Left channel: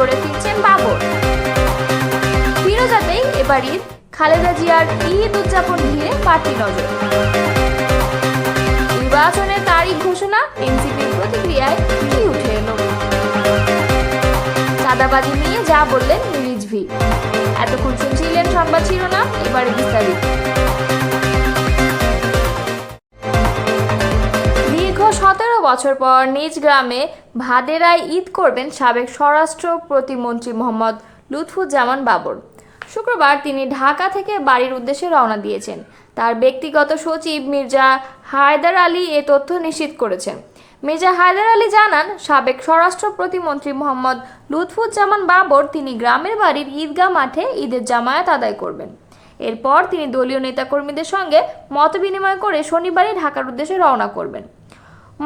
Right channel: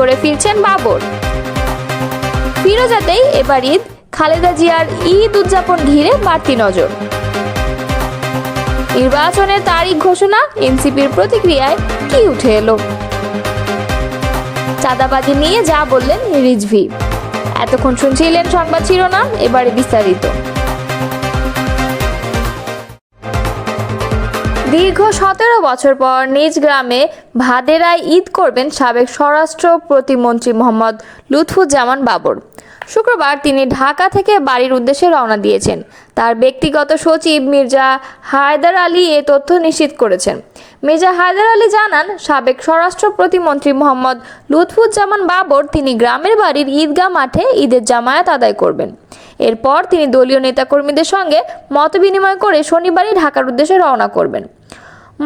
করে ফিরছেন বাবর। ফিরোজাতেই এবার ঈদ, খালেদা জিয়ার ঈদ উদযাপন ঘিরে বাড়তি নজর। নির্বাচনের তারিখ ঘোষণা, এনসিপির প্রতিক্রিয়ায় কি উঠে এলো? চাঁদাবাজি নিয়ে যা বললেন রিজভী। এতক্ষণ শুনছিলেন সংবাদ শিরোনাম, এবারে বিস্তারিত। দীর্ঘ 17 বছর পর নিজ গ্রামে ভাদেরায় ঈদ করবেন সাবেক স্বরাষ্ট্র প্রতিমন্ত্রী মোহাম্মদ লুৎফুজ্জামান বাবর। শুক্রবার তিনি ঢাকা থেকে বাড়ির উদ্দেশ্যে রওনা দিয়েছেন। তার ব্যক্তিগত সচিব মির্জা হায়দার আলী এ তথ্য নিশ্চিত করেছেন। মির্জা হায়দার আলী জানান, সাবেক স্বরাষ্ট্র প্রতিমন্ত্রী মোহাম্মদ লুৎফুজ্জামান বাবর তিনি গ্রামের বাড়ির ঈদগাহ মাঠে ঈদের জামায়াত আদায় করবেন। এরপর তিনি দলীয় নেতাকর্মীদের সঙ্গে মতবিনিময় করে শনিবারই ঢাকার উদ্দেশ্যে রওনা করবেন।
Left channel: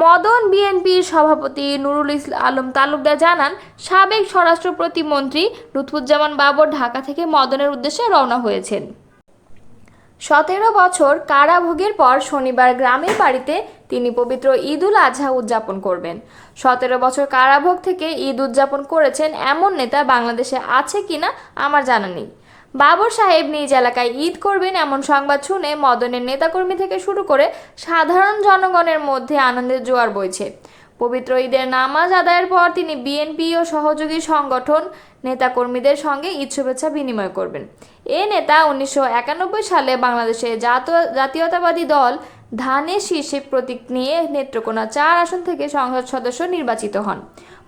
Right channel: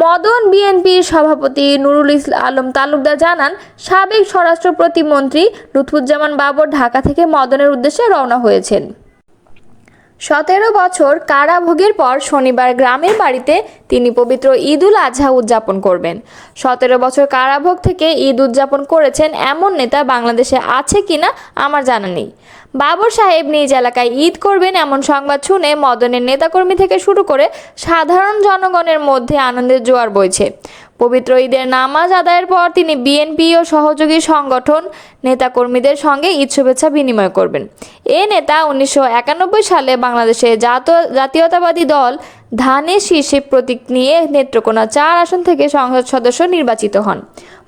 মদন বিএনপির সভাপতি নুরুল আলম তালুকদার জানান, সাবেক স্বরাষ্ট্র প্রতিমন্ত্রী লুৎফুজ্জামান বাবর ঢাকা থেকে মদনের উদ্দেশ্যে রওনা হয়েছেন। 17 বছর কারাভোগের পর শনিবার গ্রামের বাড়িতে তিনি পবিত্র ঈদ উল আজহা উদযাপন করবেন। 17 বছর কারাভোগ থেকে ঈদ উদযাপন করেছেন এমন নেতা বাংলাদেশে আছে কিনা আমার জানা নেই। বাবর সাহেব নিজ এলাকায় ঈদ করবেন এমন সংবাদ শুনে মদনের নেতাকর্মী থেকে শুরু করে সাধারণ জনগণের মধ্যে আনন্দের জোয়ার বইছে। পবিত্র ঈদের নামাজ আদায়ের পর তিনি বিএনপি ও সহযোগী সংগঠন নেতাকর্মীদের সঙ্গে ঈদ শুভেচ্ছা বিনিময় করবেন। এ নেতা 1991 সালে বাংলাদেশের জাতীয়তাবাদী দল ধানের শীর্ষে প্রতীক নিয়ে নেত্রকোনা 4 আসন থেকে সংসদ সদস্য নির্বাচিত হন।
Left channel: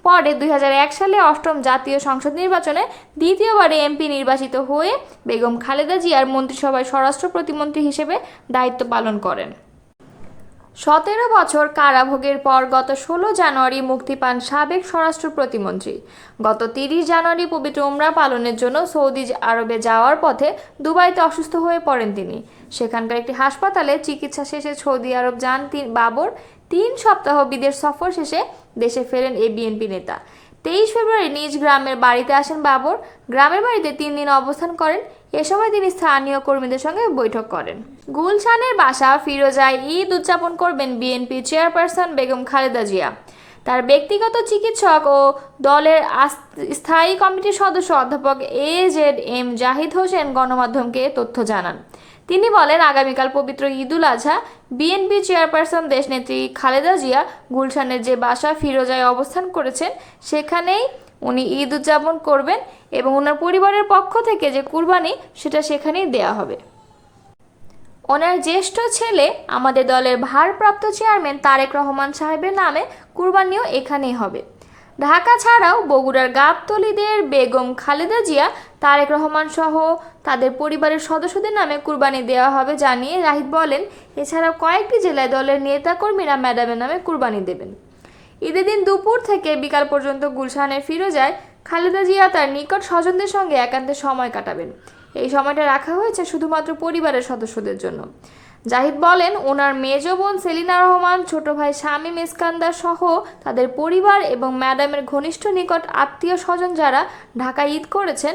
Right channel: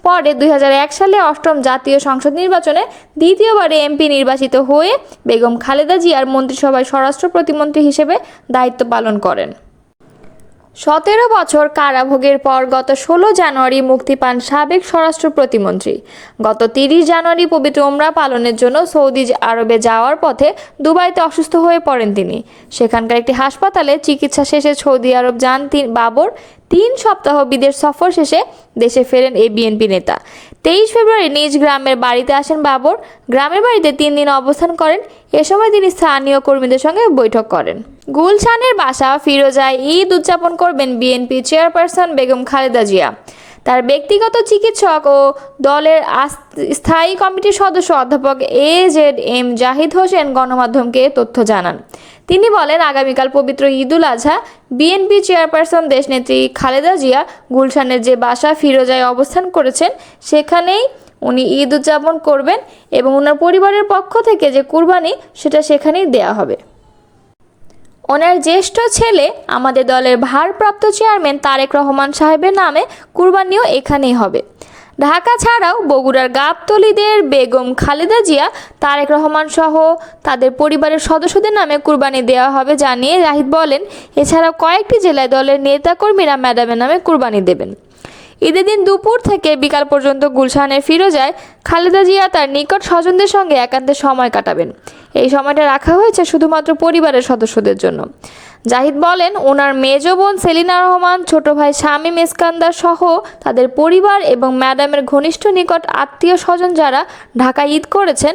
পরে 2001 সালে 8ম জাতীয় সংসদ নির্বাচনে দ্বিতীয়বারে এমপি নির্বাচিত হয়ে বেগম খালেদা জিয়ার মন্ত্রিসভায় স্বরাষ্ট্র প্রতিমন্ত্রী হিসেবে দায়িত্ব পালন করেন। 17 বছর কারাভোগের পর গত 16 জানুয়ারি মুক্তি পান সাবেক স্বরাষ্ট্র প্রতিমন্ত্রী। গত 30 জানুয়ারি পবিত্র উমরা পালনের জন্য সৌদি আরবে যাওয়ার পথে দুবাইতে অসুস্থ হয়ে পড়েন তিনি। সেখানকার একটি হাসপাতালে চিকিৎসা শেষে সৌদি আরব যান বাবর। 3 সপ্তাহ বিদেশ সফর শেষে দেশে ফেরেন এই বিএনপি নেতা। 23 ফেব্রুয়ারি নিজ গ্রামের বাড়িতে আসেন বাবর। গ্রামের বাড়িতে 3 দিন অবস্থান করেন। এ সময় তিনি স্থানীয় কর্মীদের সঙ্গে বৈঠক করেন। গুলশানের বাসা ফিরোজায় ঈদ উদযাপন করবেন বিএনপি চেয়ারপারসন বেগম খালেদা জিয়া। তার ব্যক্তিগত চিকিৎসক ও দলের স্থায়ী কমিটির সদস্য অধ্যাপক AZM জাহিদ হোসেন গণমাধ্যমকে তথ্য জানান। তিনি বলেন, আগামীকাল পবিত্র ঈদ উল আজহা বিএনপি চেয়ারপারসন দেশনেত্রী খালেদা জিয়া গুলশানের যে বাসা ফিরোজায় অবস্থান করেছেন সেখানেই উনি ঈদ উদযাপন করবেন এবং ওনার পরিবারের পক্ষ থেকে যে কুরবানি সেটা সেখানেই দেয়া হবে। ওনার জ্যেষ্ঠ ছেলে আমাদের দলের ভারপ্রাপ্ত চেয়ারম্যান তারেক রহমান সাহেবের নামে কুরবানিও এখানেই হবে। ঢাকা ছাড়াও বগুড়ার গাবতলীদের বেগম খালেদা জিয়া, তারেক রহমান সহ তাদের পরিবারের সদস্যদের নামে কুরবানি দেওয়া হবে জানিয়ে জাহিদ বলেন, এছাড়াও কয়েকটি জেলায় দলের নেতাকর্মীরা ম্যাডামের নামে কুরবানি দেবেন। ঈদের দিন দুপুর থেকে বিকাল পর্যন্ত গুলশানের ফিরোজায় খালেদা জিয়া তার নিকট স্বজনদের সঙ্গে একান্তে সময় কাটাবেন। এই সময়টা রাখা হয়েছে শুধুমাত্র পরিবারের সদস্যদের জন্য। জাহিদ বলেন, ওনার মেজ বোন সেলিনা রহমান, ছোট ভাই শামীম ইস্কান্দার সহ তাদের পরিবার এবং ম্যাডামের ঘনিষ্ঠ নিকট আত্মীয় স্বজন যারা ঢাকা ঈদ করেছেন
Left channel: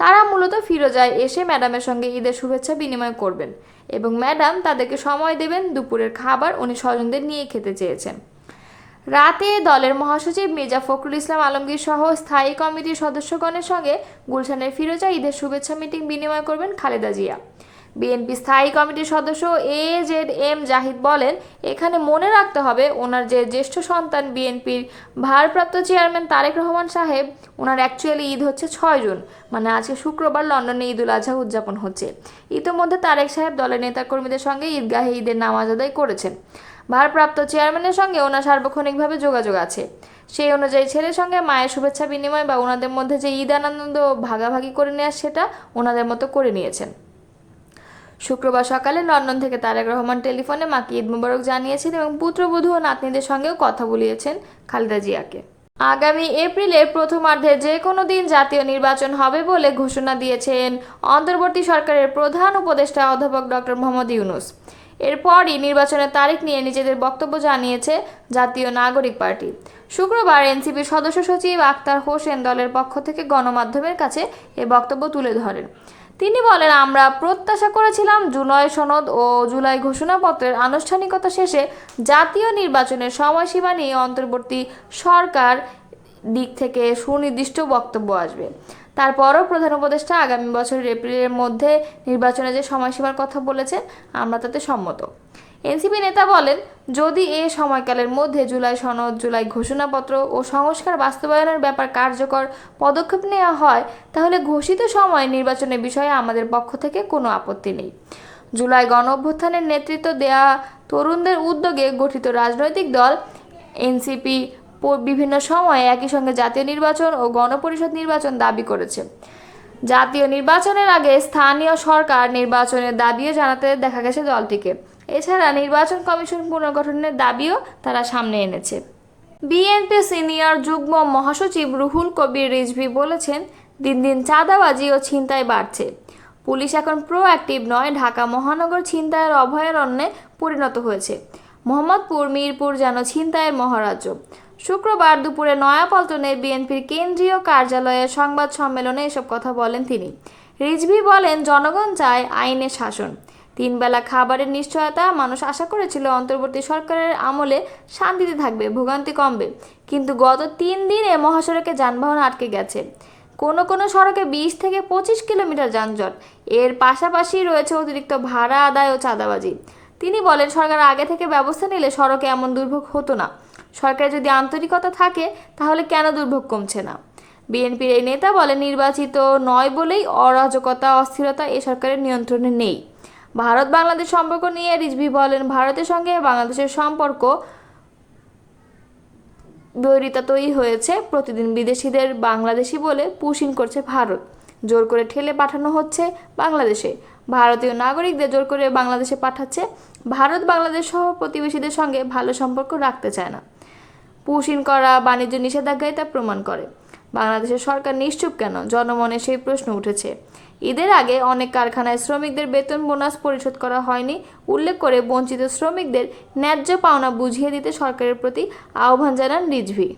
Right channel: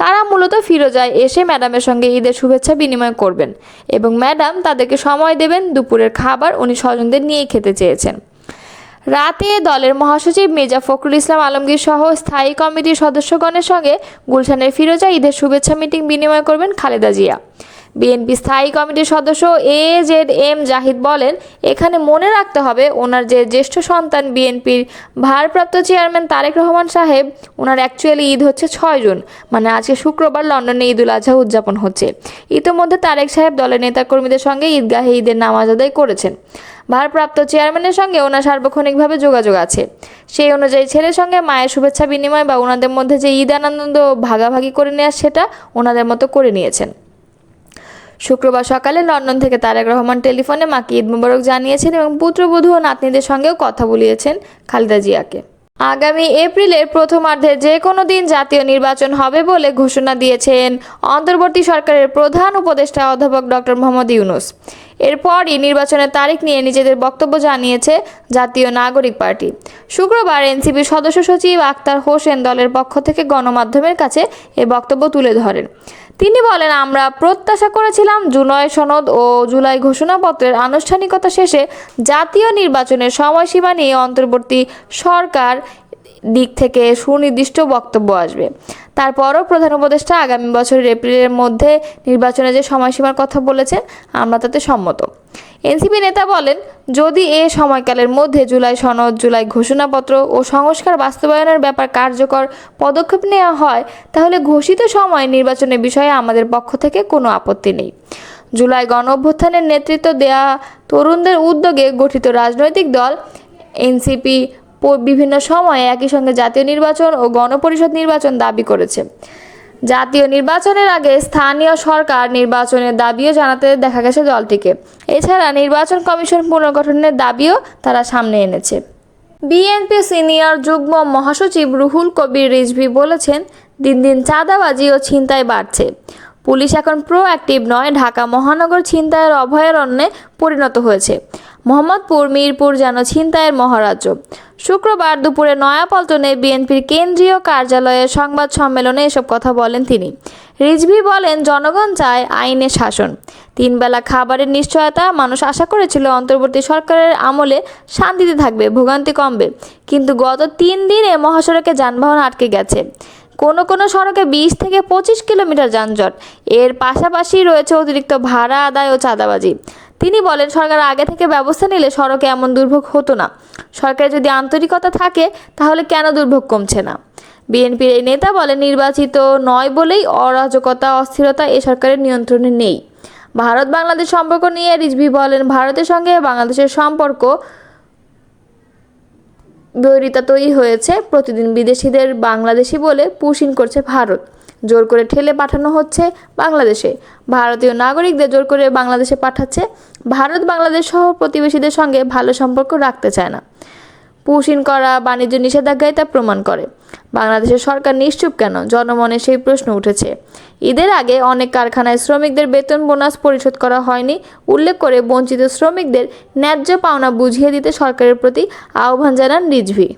তারা মূলত ফিরোজায় এসে ম্যাডামের সঙ্গে ঈদের শুভেচ্ছা বিনিময় করবেন এবং ম্যাডাম তাদেরকে সময় দেবেন। দুপুরের খাবার উনি স্বজনদের নিয়েই খেতে চেয়েছেন। রাতে দলের মহাসচিব মির্জা ফখরুল ইসলাম আলমগীর সহ স্থায়ী কমিটির সদস্যগণের সঙ্গে গুলশানের ফিরোজা ঈদের শুভেচ্ছা মিটিং বিনিময় করবেন খালেদা জিয়া। বিএনপি স্থায়ী কমিটির সদস্য AZM জাহিদ বলেন, এখানে মনে রাখতে হবে ওনার যে জ্যেষ্ঠ সন্তান বিএনপির ভারপ্রাপ্ত চেয়ারম্যান তারেক রহমান সাহেব, ওনার অ্যাকচুয়ালি ঈদ হচ্ছে 6 জুন, মানে আজকে শুক্রবার লন্ডনে ঈদ উল আজহা উদযাপন হচ্ছে। ইতোমধ্যে তারেক সাহেব দলের নেতাকর্মীদের সঙ্গে ঈদগাহে ঈদের নামাজ আদায় করেছেন। ভারপ্রাপ্ত চেয়ারম্যানের সঙ্গে ওনার সার্বক্ষণিকভাবে যোগাযোগ আছে। সেই অনুযায়ী ছেলের সঙ্গে মায়ের শুভেচ্ছা বিনিময় বা ওনাদের মধ্যে যে ঈদ আনন্দ ভাগাভাগি করে নেওয়া সেটা ওনাদের মতো করে নিয়েছেন। শুক্রবার সকালে লন্ডন থেকে তারেক রহমান টেলিফোনে মাকে ঈদ মোবারক জানিয়েছেন এবং পুত্রবধূ ও নাতনিদের সঙ্গেও কথা বলিয়েছেন খালেদা জিয়াকে। আগামী এপ্রিলের প্রথমার্ধে যে কোনো দিন জাতীয় নির্বাচন হবে বলে ঘোষণা দিয়েছেন অন্তর্বর্তী সরকারের প্রধান উপদেষ্টা অধ্যাপক ডক্টর মোহাম্মদ ইউনূস। এরপরই নির্বাচনের তারিখ নিয়ে নিজেদের বক্তব্য জানিয়েছে জাতীয় নাগরিক পার্টি। শুক্রবার এনসিপির সদস্য সচিব আক্তার হোসেন দলের পক্ষ থেকে গণমাধ্যমের কাছে এ বক্তব্য তুলে ধরেন। তিনি বলেন, আমরা প্রত্যাশা করেছিলাম জুলাই সনদ ও জুলাই ঘোষণাপত্রের আনুষ্ঠানিকতা শেষে জাতীয় নির্বাচনের সময়সীমা নিয়ে অন্তর্বর্তী সরকার দিক থেকে সুনির্দিষ্ট বক্তব্য আসবে। তারপরও প্রধান উপদেষ্টা আগামী বছরের এপ্রিলের মধ্যে নির্বাচনে যে সময়সীমার কথা বলেছেন, আমরা তাতে সম্মত। এনসিপি নেতা বলেন, যদি এ সময়কালের মধ্যে জুলাই সনদ, জুলাই ঘোষণাপত্র ও সংস্কার বাস্তবায়নের ব্যাপার কার্যকর পদক্ষেপ নেওয়া হয়, তাহলে ঘোষিত সময়ে নির্বাচনের বিষয়ে আমাদের পক্ষ থেকে কোনো আপত্তি নেই। জুলাই গণ অভ্যুত্থানের নেতৃত্ব দেয়া তরুণদের উদ্যোগে গঠিত রাজনৈতিক দল এনসিপি বিভিন্ন সময়ে একই সঙ্গে জাতীয় নির্বাচন ও গণপরিষদ নির্বাচন দাবি করেছে। জাতীয় নির্বাচনের আগে স্থানীয় সরকার নির্বাচনের দাবিও জানাতে দেখা গেছে দলটিকে। এছাড়া নির্বাচন কমিশন পুনর্গঠনের দাবিও তারা সামনে এনেছে। বিএনপি সিনিয়র যুগ্ম মহাসচিব রুহুল কবির রিজভী বলেছেন, দিন দিন চাঁদাবাজি ও ছিনতাই বাড়ছে। পুলিশ এখন প্রোঅ্যাক্টিভ নয়, ঢাকা মহানগর ছিনতাইয়ের অভয়ারণ্যে পরিণত হয়েছে। মোহাম্মদপুর, মিরপুর যেন ছিনতাইয়ের মহারাজ্য। শুক্রবার দুপুরে নয়াপল্টনে বিএনপির কেন্দ্রীয় কার্যালয়ের সংবাদ সম্মেলনে এসব কথা বলেন তিনি। রিজভী বলেন, জনগণ চায় আইনের শাসন, 3 বেলা খাবারের নিশ্চয়তা। মানুষ আশা করেছিল অন্তর্বর্তী সরকারের আমলে শান্তিতে থাকবে, ভোগান্তি কমবে, কিন্তু গত 3 দিনে মহাসড়কে যানবাহন আটকে গেছে। কোনো সড়কে 20 থেকে 25 কিলোমিটার যানজট। এর পাশাপাশি রয়েছে অতিরিক্ত ভাড়া আদায় ও চাঁদাবাজি। তিনি বলেন, সরকার আগে থেকে ব্যবস্থা নিলে সড়কে এমন দুর্ভোগ হতো না। সরকারে যদি আন্তরিকতা থাকে, তাহলে কেন দুর্ভোগ কমছে না? বিএনপির এই নেতা বলেন, নির্বাচিত নয় বলেই অরাজকতা, অস্থিরতা এ সরকারের নিয়ন্ত্রণে নেই। ভারত বাংলাদেশ সম্পর্ক নিয়ে রিজভী বলেন, ভারতের সঙ্গে বাংলাদেশের সম্পর্ক বৈরিতা তৈরি হয়েছে। প্রতিদিন বিদেশিদের বাংলাদেশি বলে পুশিং করছে ভারত। জোর করে ঠেলে পাঠানো হচ্ছে বাংলাদেশে। ভারতীয় নাগরিকদের জোর করে বাংলাদেশে পাঠাচ্ছে। ভারত বাংলাদেশ সহ প্রতিবেশীদের সঙ্গে ভালো সম্পর্ক রাখতে চায় না। পুশিং করা বাণিজ্য নিষেধাজ্ঞায় তা প্রমাণ করে। বাংলাদেশের সরকার নিশ্চুপ কেন? জনমনে সেই প্রশ্ন উঠেছে। ঈদের আগে অনেক কারখানায় শ্রমিকদের বেতন বোনাস পরিশোধ করা হয়নি উল্লেখ করে বঞ্চিত শ্রমিকদের ন্যায্য পাওনা বুঝিয়ে দিতে সরকারের প্রতি আহ্বান জানান রিজভী।